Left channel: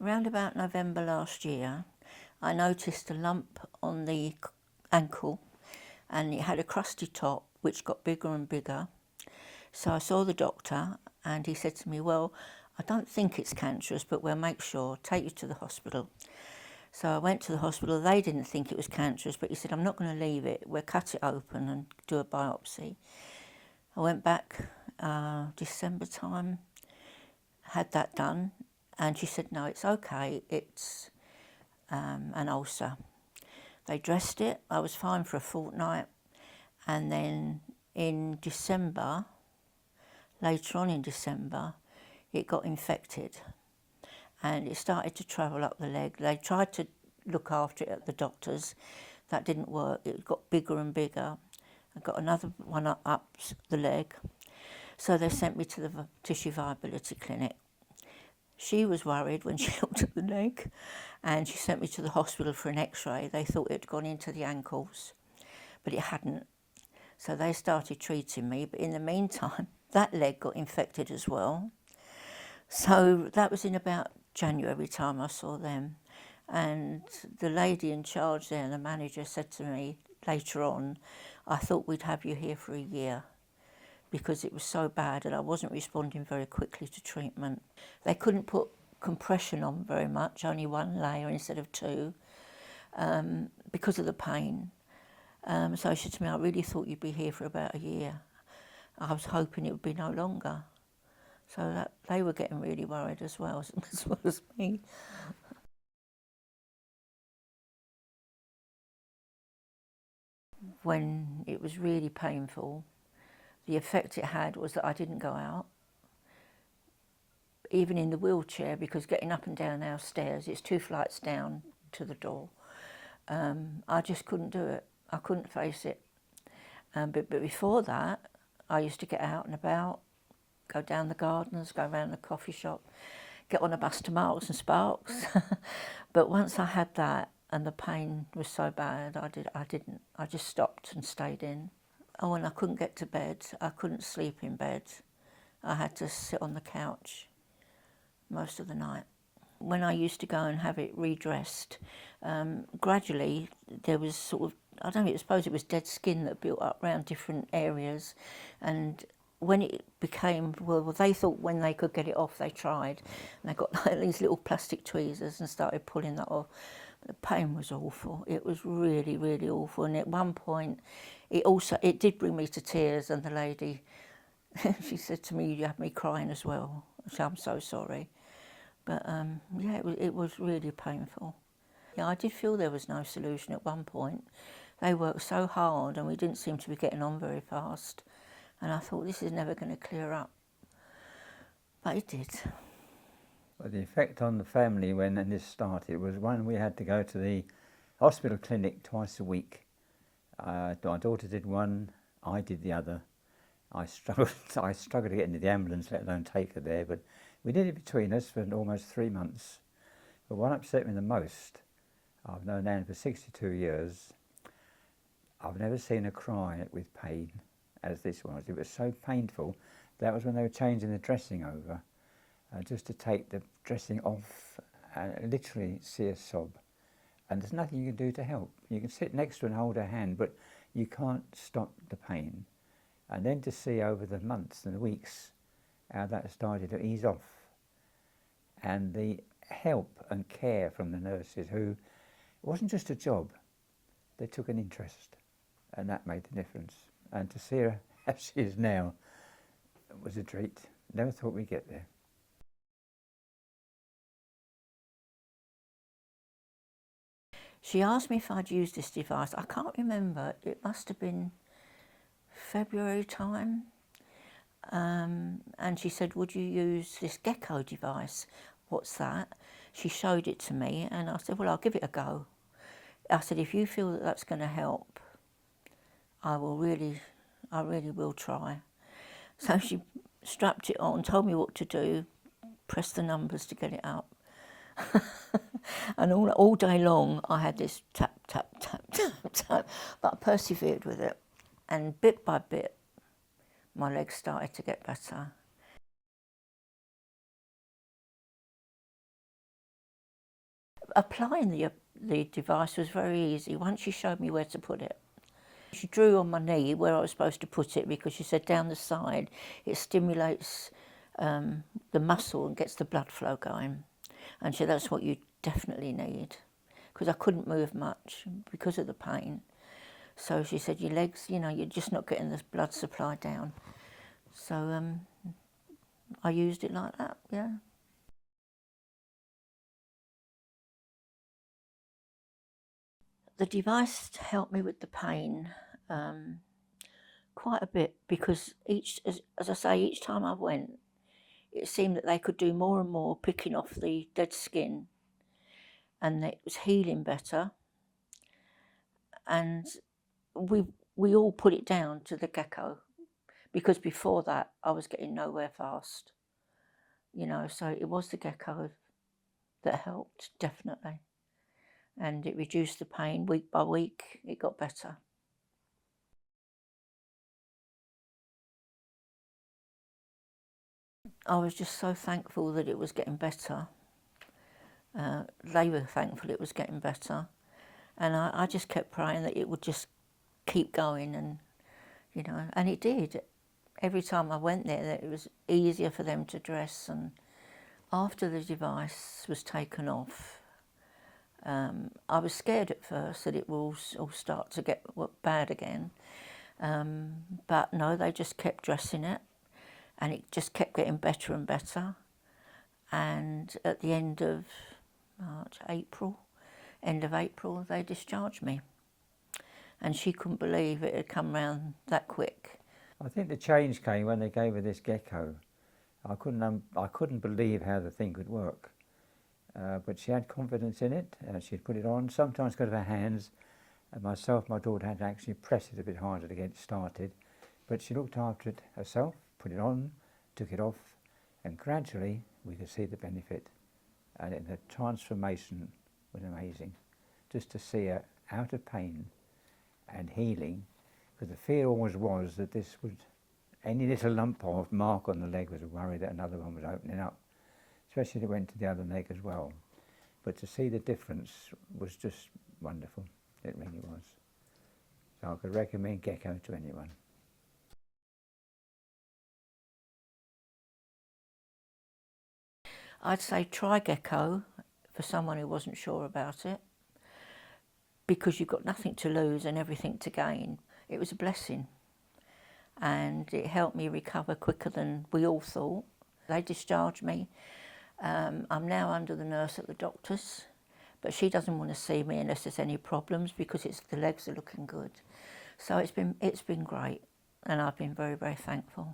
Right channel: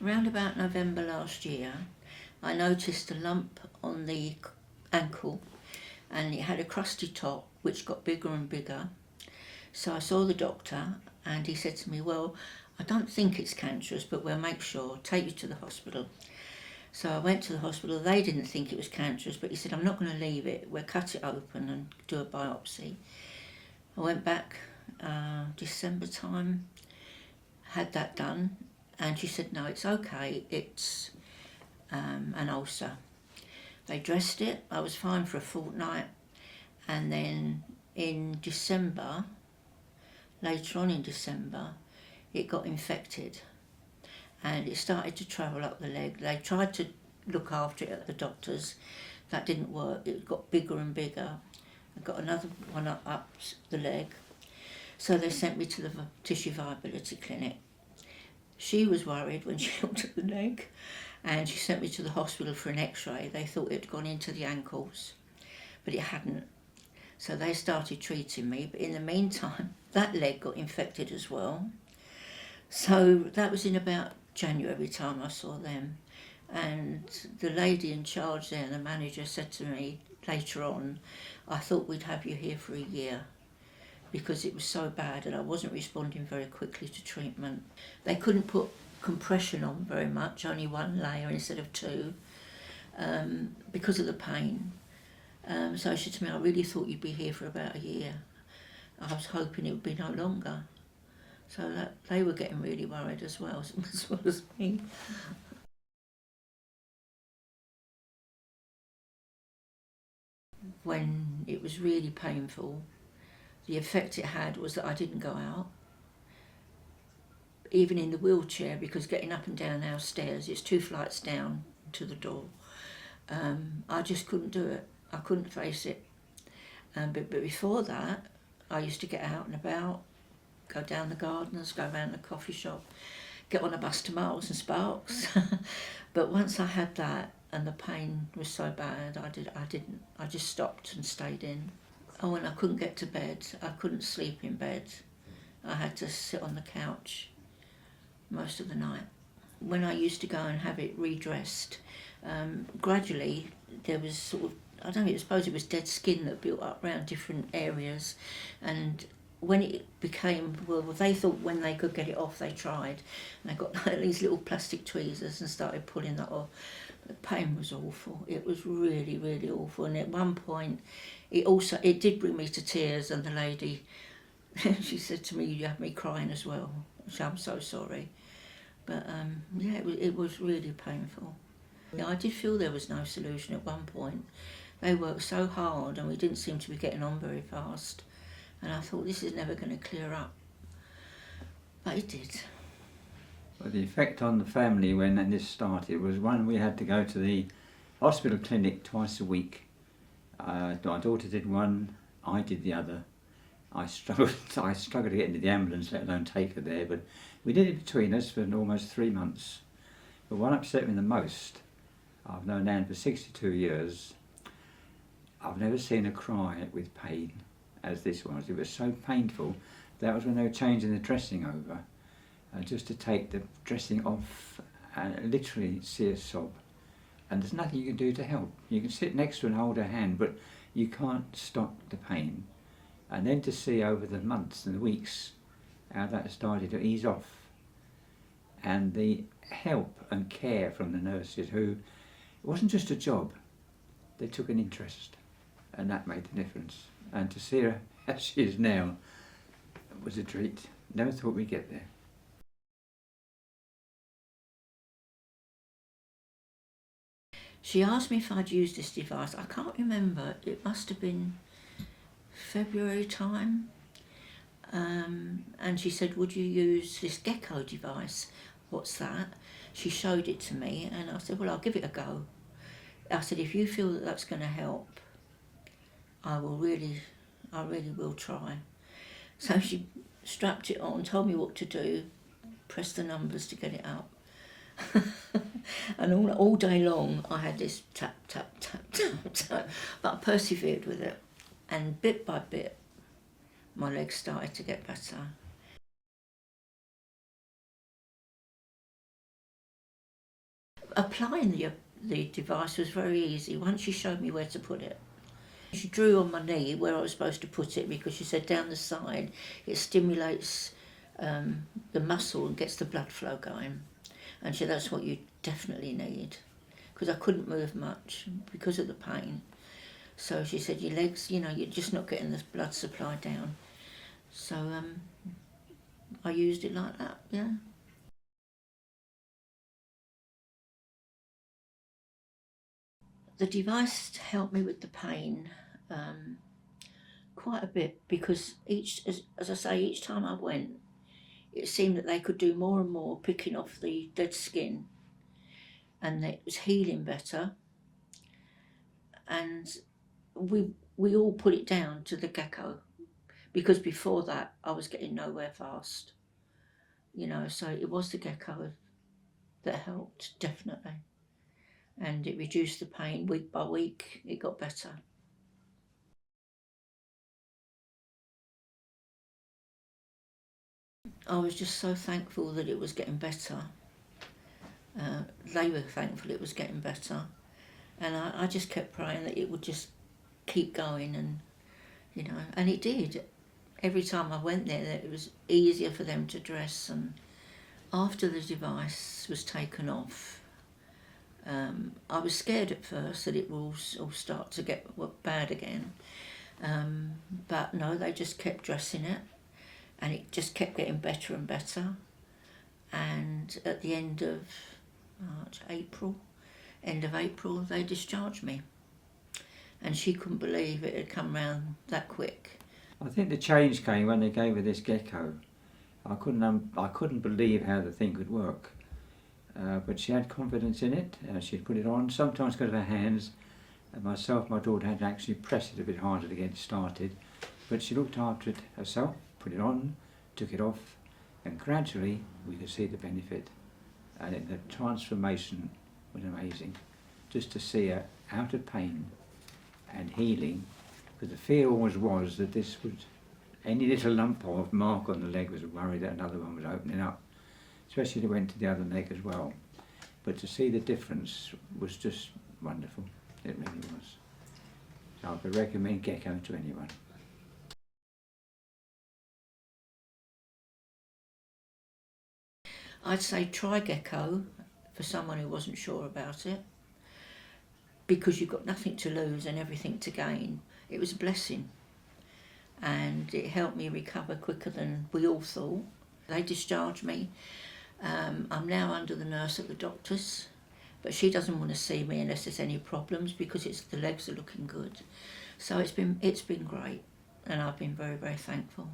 Round about November last year, I noticed a lump on the ankle and it had a crusty top which got bigger and bigger. So I saw the doctor and he said to me, well, I don't think it's cancerous, but we'll make sure, take you to the hospital. So I went to the hospital. They didn't think it was cancerous, but he said, I'm not going to leave it. We'll cut it open and do a biopsy. I went back December time, had that done, and she said, no, it's okay, it's an ulcer. They dressed it. I was fine for a fortnight, and then in December, later on in December, it got infected and it started to travel up the leg. They tried to look after it at the doctors. That didn't work. It got bigger and bigger. I got another one up the leg. So they sent me to the tissue viability clinic. She was worried when she looked at the leg, and she sent me to the hospital for an x-ray. They thought it had gone into the ankles, but it hadn't. So they started treating me, but in the meantime, that leg got infected as well. So that was in about January time I saw them. And the lady in charge there, the manager, said to me later on, I thought we'd have you here for a year because it was so bad and I wasn't responding very quickly to treatment. They couldn't put compression on very much, only one layer instead of two, because of the pain. So she said to me, I really thought you'd be here for about a year. I was hoping it would be no longer. So that they were getting really worried as well as me. When it was really painful, the effect it had was that I didn't go out, even in the wheelchair, because getting up and down our stairs, it's 2 flights down to the door. I just couldn't do it. I couldn't face it. But before that, I used to get out and about, go down the gardens, go around the coffee shop, get on a bus to Marks and Sparks. But once I had that and the pain was so bad, I just stopped and stayed in. Oh, and I couldn't get to bed. I couldn't sleep in bed. I had to sit on the couch most of the night. When I used to go and have it redressed, gradually there was sort of, I suppose it was dead skin that built up around different areas, and when it became, well, they thought when they could get it off, they tried, and they got these little plastic tweezers and started pulling that off. The pain was awful. It was really, really awful, and at one point, it did bring me to tears, and the lady, she said to me, you had me crying as well. So I'm so sorry. But yeah, it was really painful. Yeah, I did feel there was no solution at one point. They worked so hard and we didn't seem to be getting on very fast. And I thought, this is never going to clear up. But it did. Well, the effect on the family when this started was, one, we had to go to the hospital clinic twice a week. My daughter did one, I did the other. I struggled to get into the ambulance, let alone take her there, but we did it between us for almost 3 months. But what upset me the most, I've known Anne for 62 years, I've never seen her cry with pain as this was. It was so painful. That was when they were changing the dressing over, just to take the dressing off and literally see her sob. And there's nothing you can do to help. You can sit next to her and hold her hand, but you can't stop the pain. And then to see over the months and the weeks how that started to ease off, and the help and care from the nurses, who, it wasn't just a job, they took an interest, and that made the difference. And to see her as she is now was a treat. Never thought we'd get there. She asked me if I'd used this device. I can't remember. It must have been February time. And she said, would you use this geko device? What's that? She showed it to me and I said, well, I'll give it a go. I said, if you feel that that's going to help, I really will try. So she strapped it on, told me what to do, pressed the numbers to get it up. And all day long I had this tap, tap, tap, tap, tap, but I persevered with it. And bit by bit, my legs started to get better. Applying the device was very easy once she showed me where to put it. She drew on my knee where I was supposed to put it because she said down the side it stimulates the muscle and gets the blood flow going. And she said that's what you definitely need, because I couldn't move much because of the pain. So she said your legs, you know, you're just not getting the blood supply down. So I used it like that, yeah. The device helped me with the pain quite a bit, because as I say, each time I went, it seemed that they could do more and more picking off the dead skin, and it was healing better. And we all put it down to the gecko, because before that I was getting nowhere fast, you know. So it was the gecko that helped, definitely, and it reduced the pain week by week. It got better. I was just so thankful that it was getting better. They were thankful it was getting better, and I just kept praying that it would just keep going, and you know, and it did. Every time I went there, it was easier for them to dress. And after the device was taken off, I was scared at first that it will all start to get bad again, but no, they just kept dressing it, and it just kept getting better and better. And at the end of April, they discharged me, and she couldn't believe it had come round that quick. I think the change came when they gave her this gecko. I couldn't believe how the thing could work, but she had confidence in it. She'd put it on, sometimes because of her hands, and my daughter had to actually press it a bit harder to get it started, but she looked after it herself, put it on, took it off, and gradually we could see the benefit, and the transformation was amazing. Just to see her out of pain and healing, because the fear always was that this would, any little lump or mark on the leg was a worry that another one was opening up, especially if it went to the other leg as well. But to see the difference was just wonderful, it really was. So I would recommend gecko to anyone. I'd say try gecko for someone who wasn't sure about it, because you've got nothing to lose and everything to gain. It was a blessing, and it helped me recover quicker than we all thought. They discharged me. I'm now under the nurse at the doctor's, but she doesn't want to see me unless there's any problems, because the legs are looking good. So it's been great, and I've been very, very thankful.